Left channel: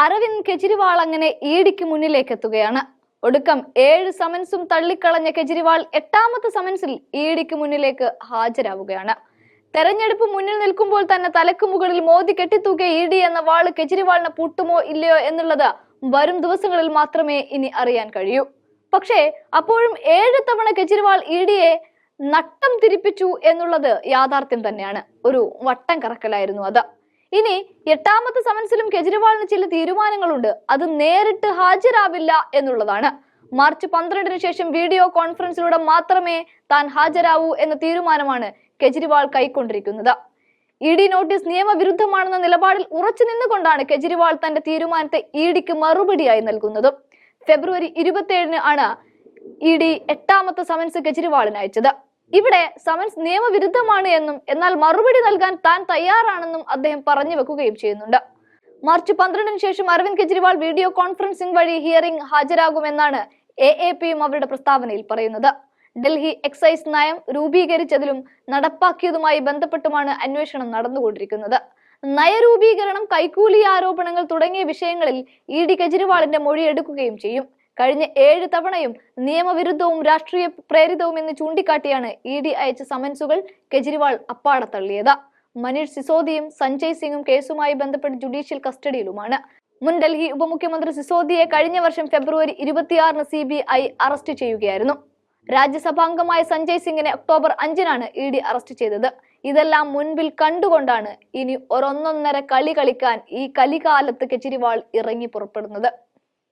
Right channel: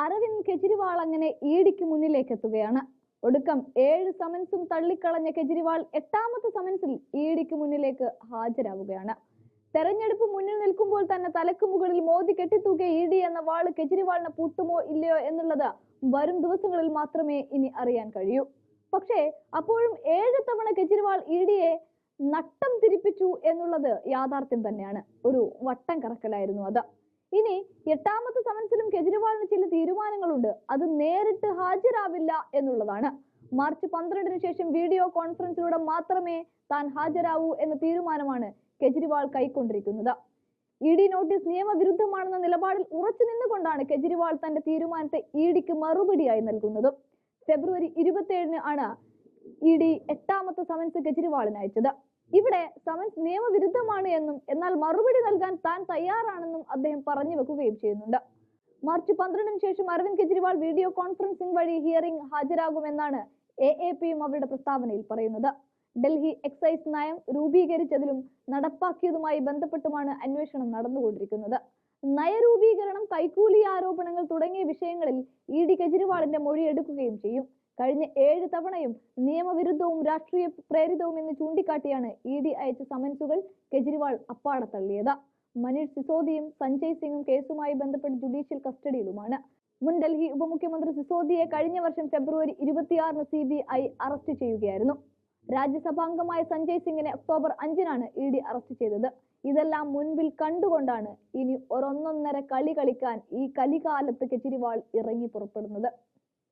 അരവിന്ദ് കെജ്രിവാൾ അങ്ങനെ ഇഡിക്ക് മുന്നിലേക്ക് എത്തുകയാണ് ഒടുക്കം ഏഴ് സമൻസും തള്ളിക്കളഞ്ഞ കെജ്രിവാൾ എട്ടാമത്തെ സമൻസിൽ ഇഡിക്ക് മുന്നിലേക്ക് ഹാജരാവുകയാണ്. തെരഞ്ഞെടുപ്പ് മുന്നിൽ നിൽക്കുമ്പോൾ തന്നെ തലക്ക് മുകളിൽ മോദി കെട്ടിത്തൂക്കിയ ഇ ഡി എന്ന വാൾ കെജ്രിവാളിനെ പൂട്ടുമോ ഇല്ലയോ എന്നുള്ളത് വരും ദിവസങ്ങളിൽ മാത്രമേ ഇനി അറിയാൻ കഴിയൂ. പക്ഷേ അപ്പോഴും ഏഴ് തവണ കെജ്രിവാൾ ഇ ഡിയെ നട്ടം തിരിപ്പിച്ചു എന്നുള്ളത് യാഥാർത്ഥ്യം തന്നെയാണ്. ഒരു വട്ടം കറക്കലായിരുന്നു അത്. ഇനി എട്ടാമത്തെ സമൻസിലും കെജ്രിവാളിന് ചില തീരുമാനങ്ങളുണ്ട്. അത് നേരിട്ട് ഹാജരാവില്ല എന്നുള്ളതാണ്. മാർച്ച് പന്ത്രണ്ടിന് ശേഷം വീഡിയോ കോൺഫറൻസിലൂടെ മാത്രമേ താൻ ഹാജരാവൂ എന്ന തീരുമാനമാണ് കെജ്രിവാൾ കൈക്കൊണ്ടിരിക്കുന്നത്. ഇ ഡി നോട്ടീസ് നിയമവിരുദ്ധമാണെന്ന നിലപാടിൽ ഉറച്ചു നിന്നുകൊണ്ടാണ് കെജ്രിവാൾ തന്റെ തീരുമാനത്തെ ഇ ഡിക്ക് മറുപടിയായി നൽകുന്നത്. ഫെബ്രുവരി ഇരുപത്തിയേഴിന് ആണ് ഇ ഡി എട്ടാമത്തെ സമൻസ് കെജ്രിവാളിന് അയച്ചത്. ഇവിടെ സമൻസ് നിയമവിരുദ്ധമാണ് എന്നും എന്നാൽ മറുപടി നൽകാൻ താൻ തയ്യാറാണെന്നും അദ്ദേഹം പറഞ്ഞു വെക്കുകയും ചെയ്യുന്നുണ്ട്. മാർച്ച് പന്ത്രണ്ടിന് ശേഷം അരവിന്ദ് കെജ്രിവാൾ വീഡിയോ കോൺഫറൻസിംഗ് വഴി ഹിയറിംഗ് ഹാജരാകുമെന്നാണ് എ എ പിയും അവരുടെ പ്രസ്താവനയിൽ പറയുന്നത്. ഡൽഹി എക്സൈസ് നയം രൂപീകരിച്ചതിലും നടപ്പാക്കിയതുമായി ബന്ധപ്പെട്ടുമാണ് അന്വേഷണം നടന്നുകൊണ്ടിരിക്കുന്നത്. നയരൂപീകരണം കൈക്കൂലി ആരോപണങ്ങൾ തുടങ്ങിയ വിഷയങ്ങളിൽ ഇ ഡി കെജ്രിവാളിന്റെ മൊഴി എടുക്കുകയും ചെയ്യും. കഴിഞ്ഞ ഏഴ് തവണയും നിയമവിരുദ്ധവും രാഷ്ട്രീയ പ്രേരിതവും എന്ന് ചൂണ്ടിക്കാട്ടിയാണ് ഇ ഡി അയച്ച സമൻസുകൾ കെജ്രിവാൾ അപ്പാടെ തള്ളിയത്. മനീഷ് സിസോദിയും സഞ്ജയ് സിംഗും കേസുമായി ബന്ധപ്പെട്ട് ജുഡീഷ്യൽ കസ്റ്റഡിയിലുമാണ്. മുൻ ഡൽഹി ഉപമുഖ്യമന്ത്രി സിസോദിയെ കഴിഞ്ഞ വർഷം ഫെബ്രുവരി ഇരുപത്തിയാറിന് സി ബി ഐ അറസ്റ്റ് ചെയ്യുകയായിരുന്നു. രാജ്യസഭാംഗമായ സഞ്ജയ് സിംഗിനെ ഒക്ടോബർ അഞ്ചിനാണ് ഇ ഡി അറസ്റ്റ് ചെയ്തത്. ഇതെല്ലാം മുൻപിൽ കണ്ടുകൊണ്ടാണ് ഇനി ഒരൊന്നൊന്നര കളി കളിക്കാൻ ഈ കലികാലത്ത് കെജ്രിവാൾ ഇറങ്ങി പുറപ്പെടുന്നത്.